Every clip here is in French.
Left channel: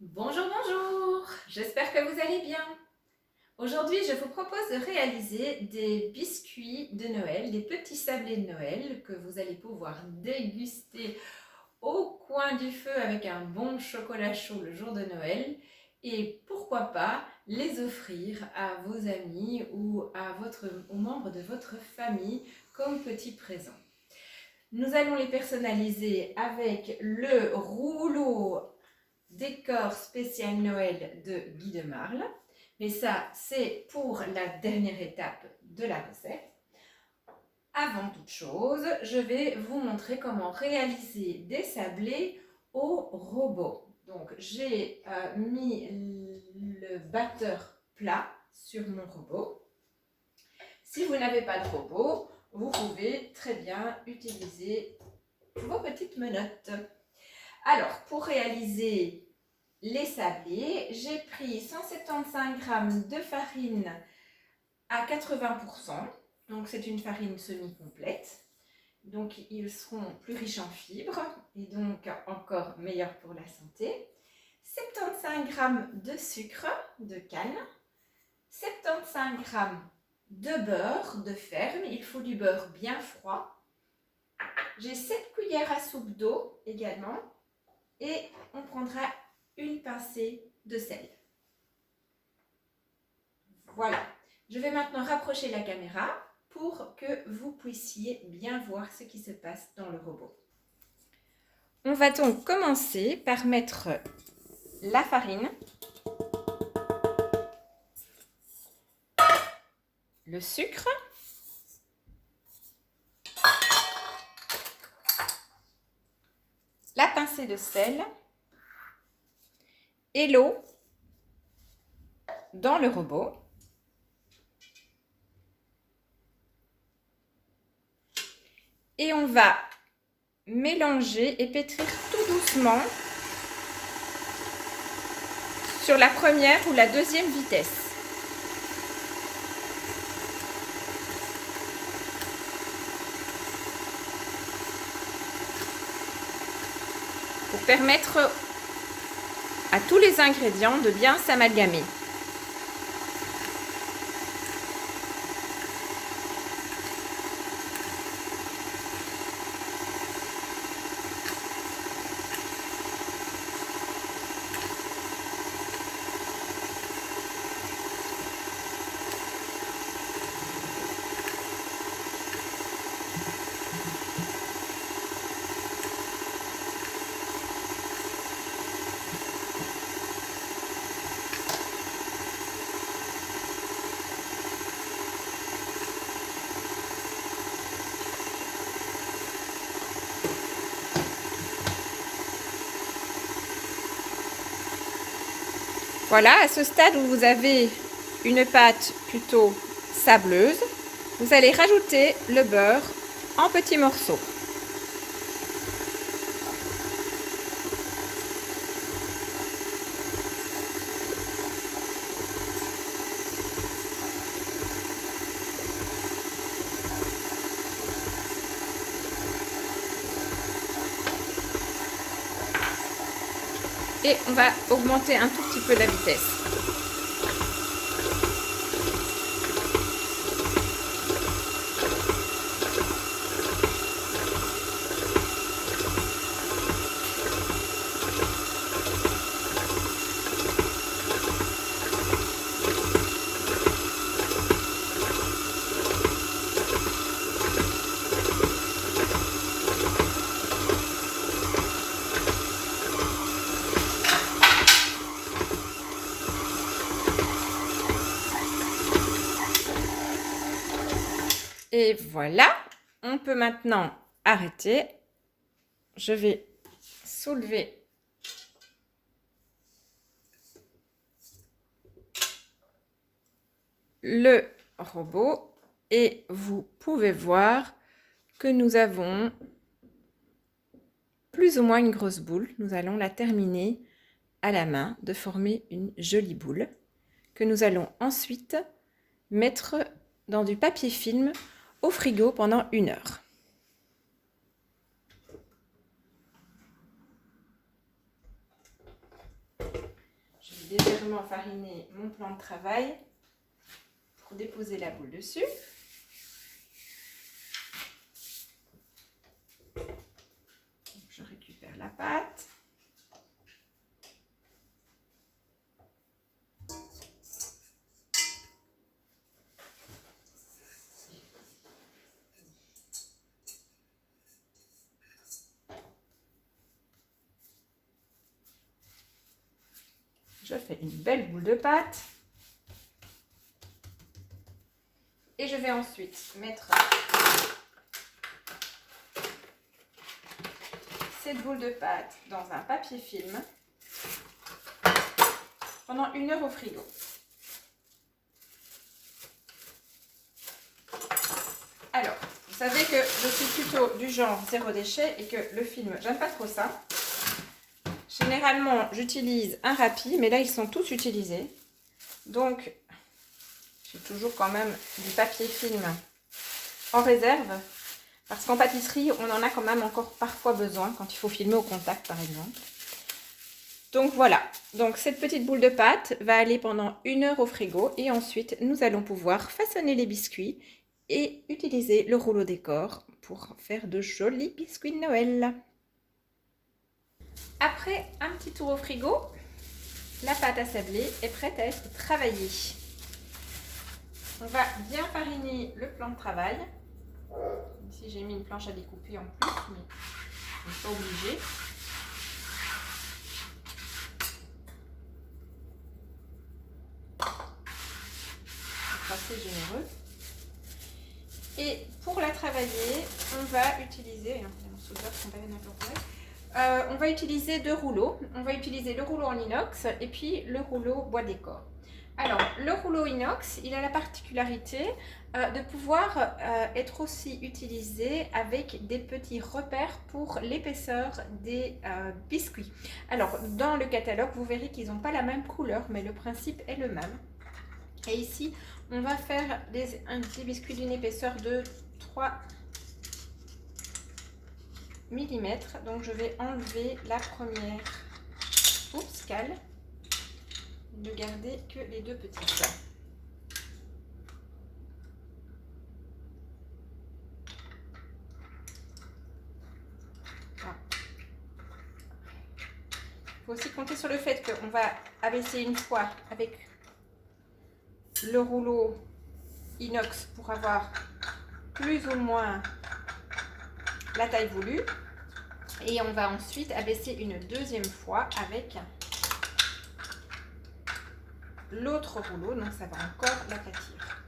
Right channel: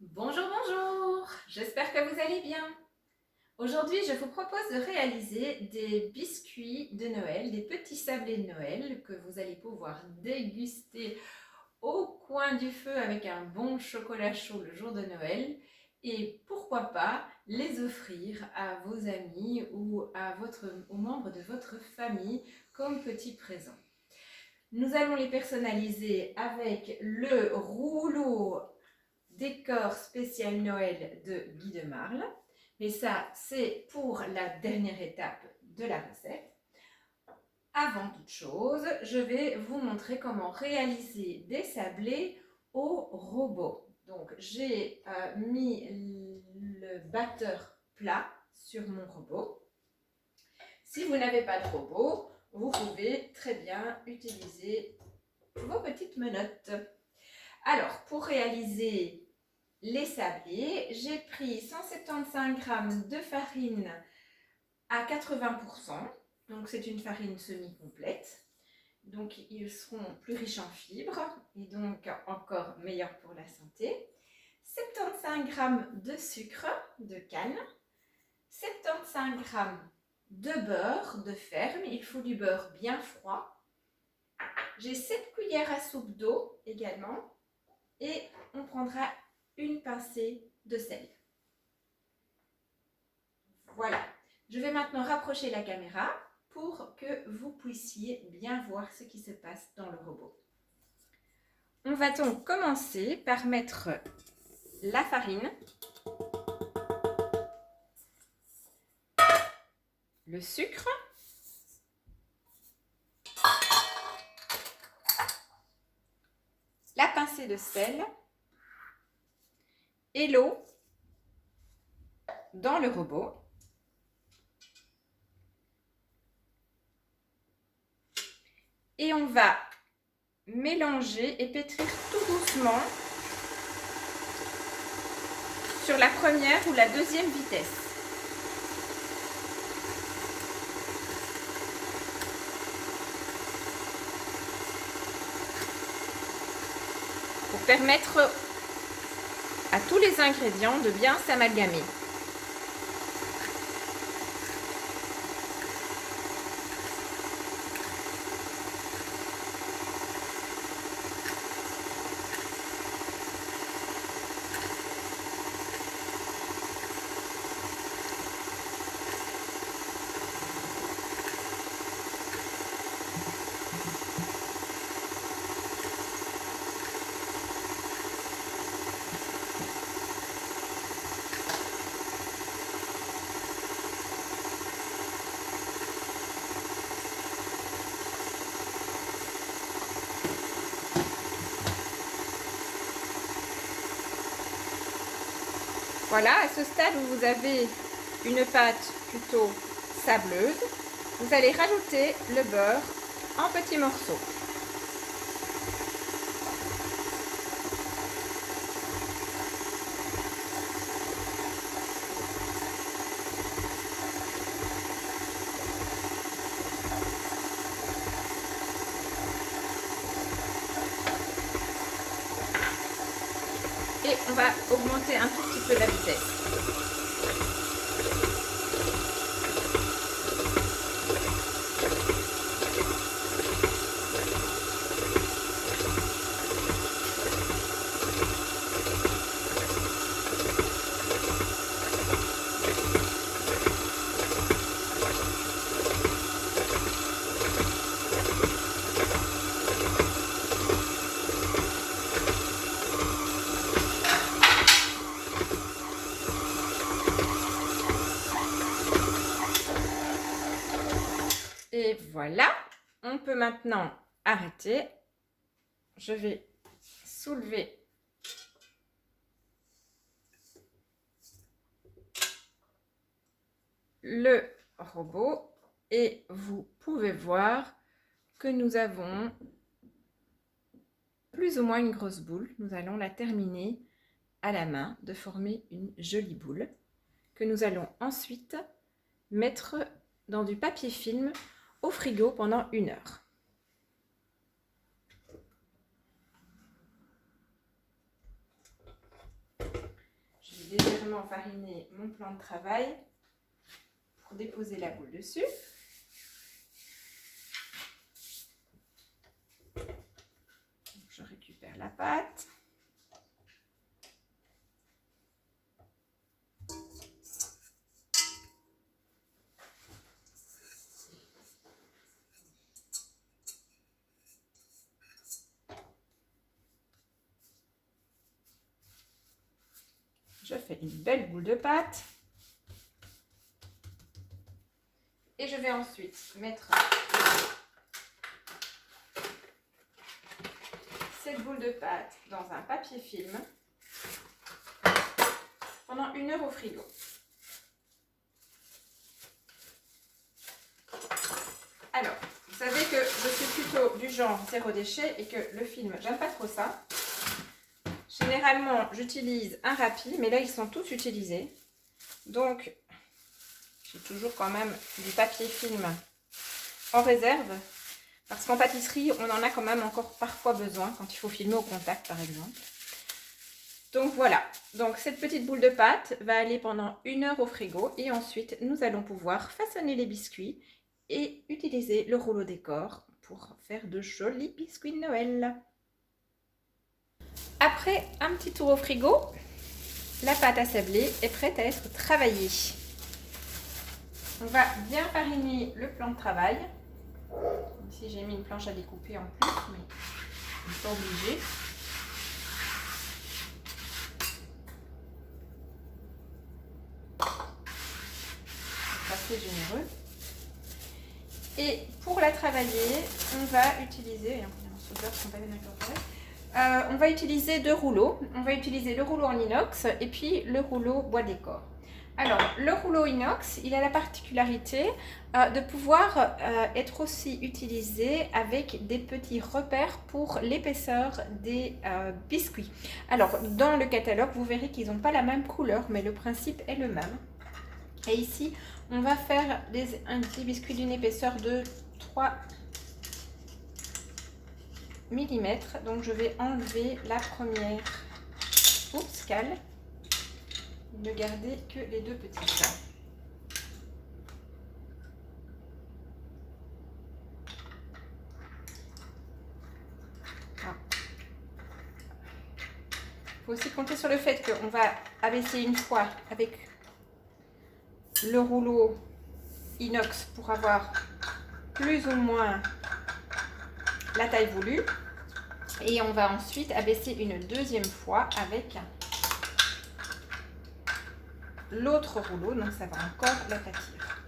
Bonjour, bonjour, j'espère que vous allez bien. Aujourd'hui, je vous propose de réaliser des biscuits de Noël, des petits sablés de Noël que vous allez pouvoir déguster au coin du feu avec un bon chocolat chaud le jour de Noël et pourquoi pas les offrir à vos amis ou aux membres de votre famille comme petit présent. Nous allons les personnaliser avec le rouleau décor spécial Noël de Guy de Marle. Mais ça, c'est pour la dernière étape de la recette. Avant toute chose, je vais vous montrer comment réaliser des sablés au robot. Donc, j'ai mis le batteur plat sur mon robot. Si vous n'avez pas de robot, vous pouvez très bien utiliser vos petites menottes. Alors, pour réaliser les sablés, j'ai pris 175 g de farine à 80%, donc c'est une farine semi-complète. Donc ils seront plus riches en fibres et donc encore meilleurs pour la santé. 75 g de sucre de canne, 75 g de beurre de ferme, il faut du beurre bien froid. J'ai 7 cuillères à soupe d'eau également et on prendra une pincée de sel. Voilà, je vais maintenant rapprocher la caméra pour que vous puissiez bien voir ce qui se passe dans le robot. On va donc commencer par mettre la farine, le sucre, la pincée de sel et l'eau dans le robot. Et on va mélanger et pétrir tout doucement sur la première ou la deuxième vitesse. Pour permettre à tous les ingrédients de bien s'amalgamer. Voilà, à ce stade où vous avez une pâte plutôt sableuse, vous allez rajouter le beurre en petits morceaux. Et on va augmenter un tout petit peu la vitesse. Et voilà, on peut maintenant arrêter. Je vais soulever le robot et vous pouvez voir que nous avons plus ou moins une grosse boule. Nous allons la terminer à la main de former une jolie boule que nous allons ensuite mettre dans du papier film au frigo pendant 1 heure. légèrement fariner mon plan de travail pour déposer la boule dessus. Je récupère la pâte. Je fais une belle boule de pâte. Et je vais ensuite mettre cette boule de pâte dans un papier film pendant 1 heure au frigo. Alors, vous savez que je suis plutôt du genre zéro déchet et que le film, j'aime pas trop ça. Généralement, j'utilise un Rappi, mais là, ils sont tous utilisés. Donc, j'ai toujours quand même du papier film en réserve. Parce qu'en pâtisserie, on en a quand même encore parfois besoin quand il faut filmer au contact, par exemple. Donc voilà, donc cette petite boule de pâte va aller pendant 1 heure au frigo et ensuite nous allons pouvoir façonner les biscuits et utiliser le rouleau décor pour faire de jolis biscuits de Noël. Après un petit tour au frigo, la pâte à sabler est prête à être travaillée. On va bien fariner le plan de travail. Ici j'ai mis une planche à découper en plus, mais je ne suis pas obligée. Assez généreux. Et pour la travailler, on va utiliser, on va utiliser 2 rouleaux. On va utiliser le rouleau en inox et puis le rouleau bois décor. Alors, le rouleau inox, il a la particularité de pouvoir être aussi utilisé avec des petits repères pour l'épaisseur des biscuits. Alors, dans le catalogue, vous verrez qu'ils n'ont pas la même couleur, mais le principe est le même. Et ici, on va faire un petit biscuit d'une épaisseur de 3 mm. Donc, je vais enlever la première cale. Ne garder que les 2 petites. Il faut aussi compter sur le fait qu'on va abaisser une fois avec le rouleau inox pour avoir plus ou moins la taille voulue. Et on va ensuite abaisser une deuxième fois avec l'autre rouleau, donc ça va encore l'aplatir.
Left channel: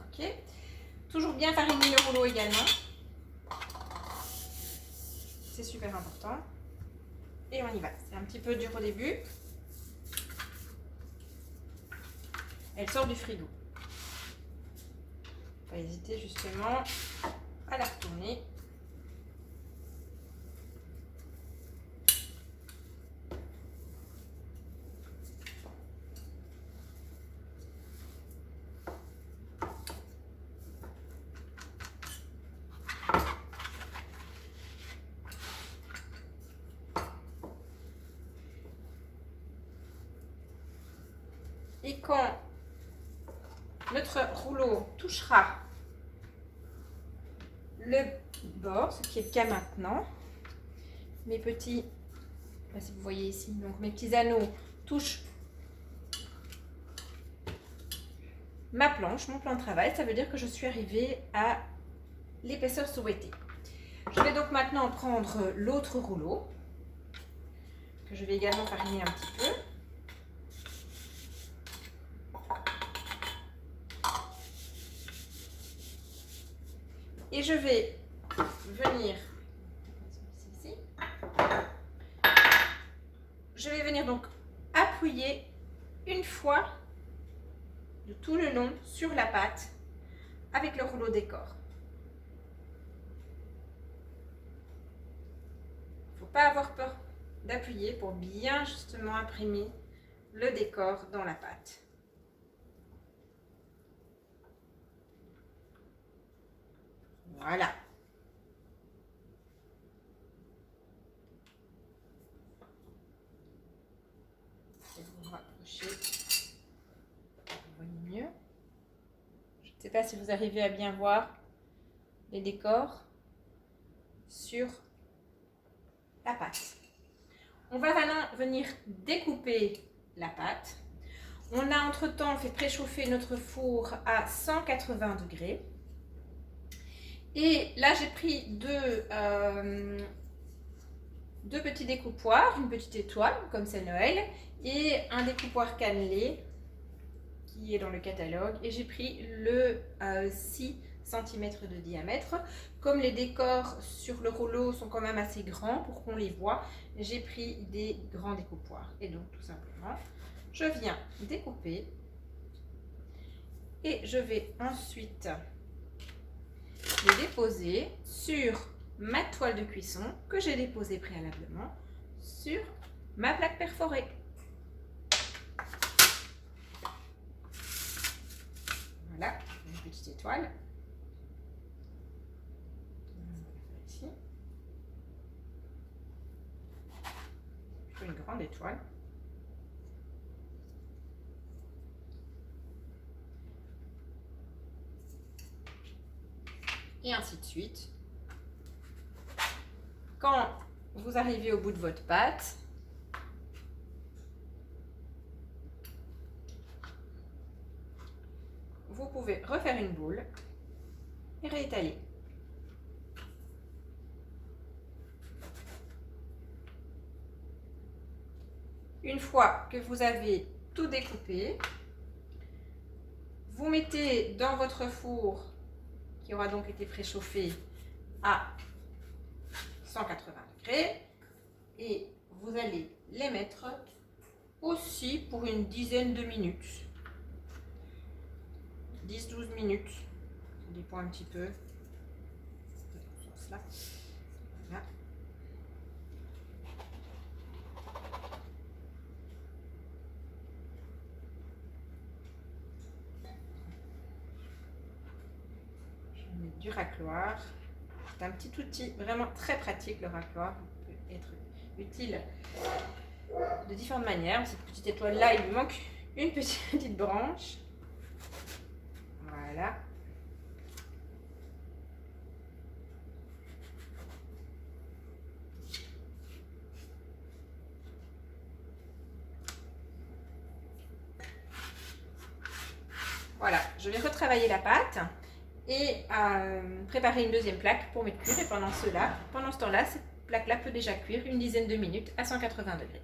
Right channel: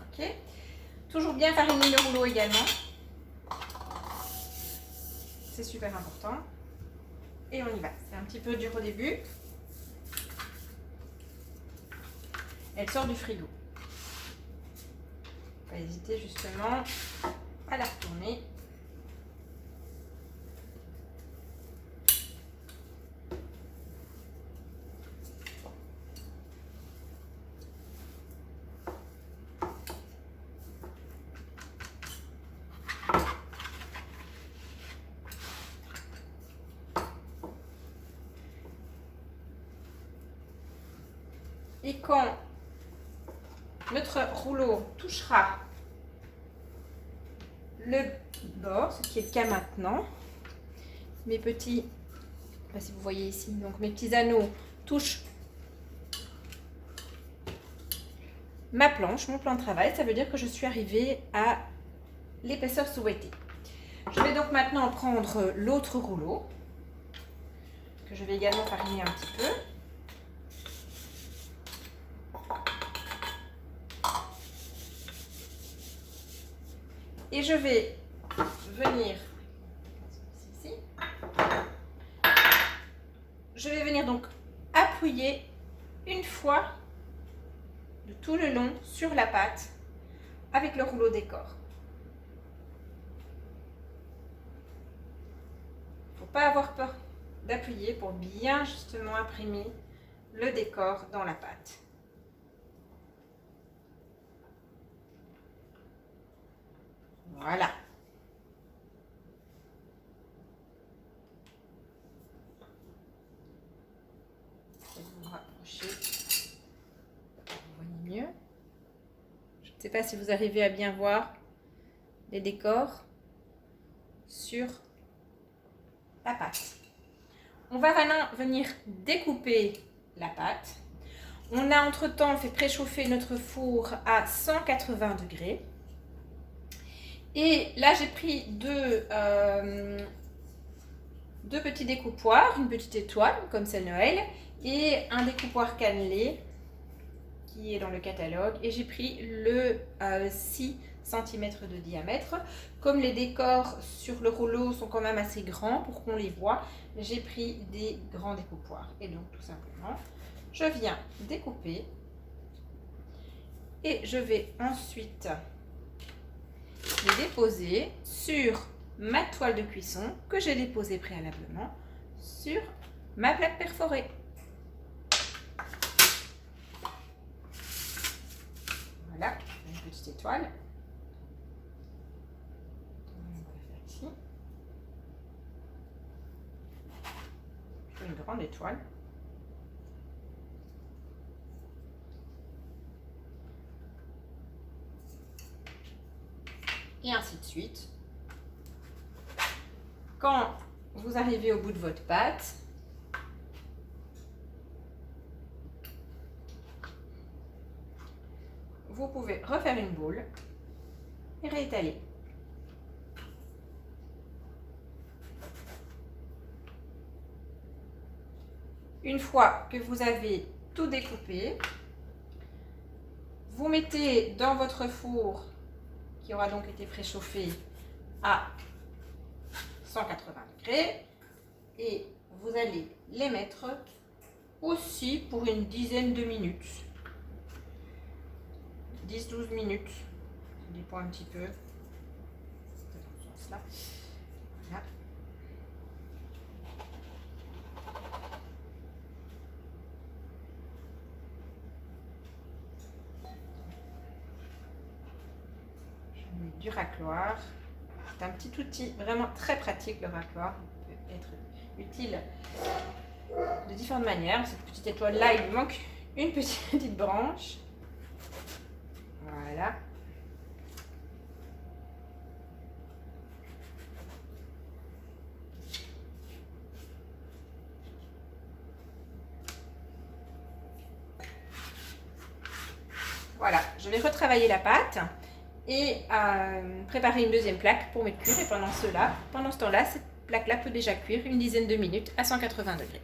Ok. Toujours bien fariner le rouleau également. C'est super important. Et on y va. C'est un petit peu dur au début. Elle sort du frigo. Pas hésiter justement à la retourner. Et quand notre rouleau touchera le bord, ce qui est le cas maintenant, mes petits, si vous voyez ici, donc mes petits anneaux touchent ma planche, mon plan de travail, ça veut dire que je suis arrivée à l'épaisseur souhaitée. Je vais donc maintenant prendre l'autre rouleau, que je vais également fariner un petit peu. Et je vais venir ici. Je vais venir donc appuyer une fois de tout le long sur la pâte avec le rouleau décor. Il ne faut pas avoir peur d'appuyer pour bien justement imprimer le décor dans la pâte. Voilà. sais pas si vous arrivez à bien voir les décors sur la pâte. On va maintenant venir découper la pâte. On a entre-temps fait préchauffer notre four à 180 degrés. Et là, j'ai pris deux petits découpoirs, une petite étoile, comme c'est Noël, et un découpoir cannelé qui est dans le catalogue. Et j'ai pris le 6 cm de diamètre. Comme les décors sur le rouleau sont quand même assez grands pour qu'on les voit, j'ai pris des grands découpoirs. Et donc, tout simplement, je viens découper et je vais ensuite les déposer sur ma toile de cuisson que j'ai déposée préalablement sur ma plaque perforée. Voilà, une petite étoile. Ici. Une grande étoile. Et ainsi de suite. Quand vous arrivez au bout de votre pâte, vous pouvez refaire une boule et réétaler. Une fois que vous avez tout découpé, vous mettez dans votre four qui aura donc été préchauffé à 180 degrés et vous allez les mettre aussi pour une dizaine de minutes. 10-12 minutes, ça dépend un petit peu. Voilà. Je mets du racloir. C'est un petit outil vraiment très pratique, le racloir. Il peut être utile de différentes manières. Cette petite étoile là, il lui manque une petite branche. Voilà. Voilà, je vais retravailler la pâte et préparer une deuxième plaque pour mettre cuire. Et pendant ce temps-là, cette plaque-là peut déjà cuire une dizaine de minutes à 180 degrés.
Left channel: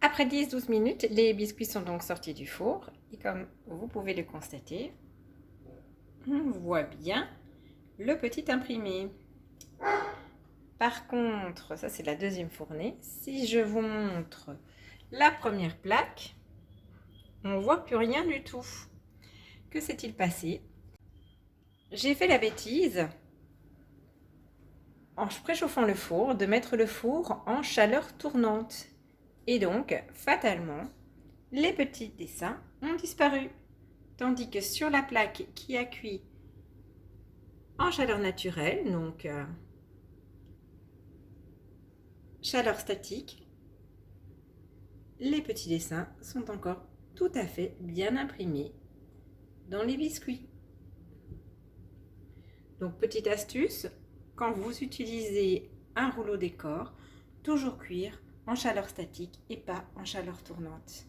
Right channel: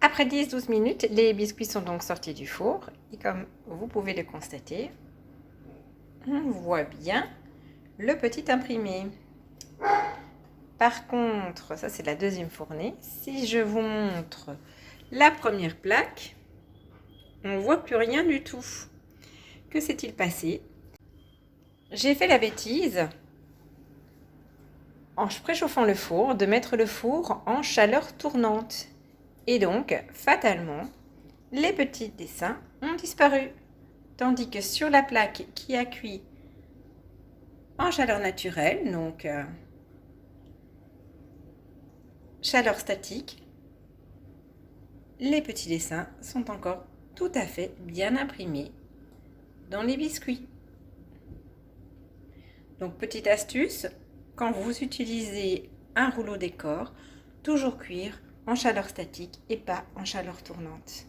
Après 10-12 minutes, les biscuits sont donc sortis du four. Et comme vous pouvez le constater, on voit bien le petit imprimé. Par contre, ça c'est la deuxième fournée. Si je vous montre la première plaque, on ne voit plus rien du tout. Que s'est-il passé? J'ai fait la bêtise, en préchauffant le four, de mettre le four en chaleur tournante. Et donc, fatalement, les petits dessins ont disparu. Tandis que sur la plaque qui a cuit en chaleur naturelle, donc chaleur statique, les petits dessins sont encore tout à fait bien imprimés dans les biscuits. Donc, petite astuce, quand vous utilisez un rouleau décor, toujours cuire en chaleur statique et pas en chaleur tournante.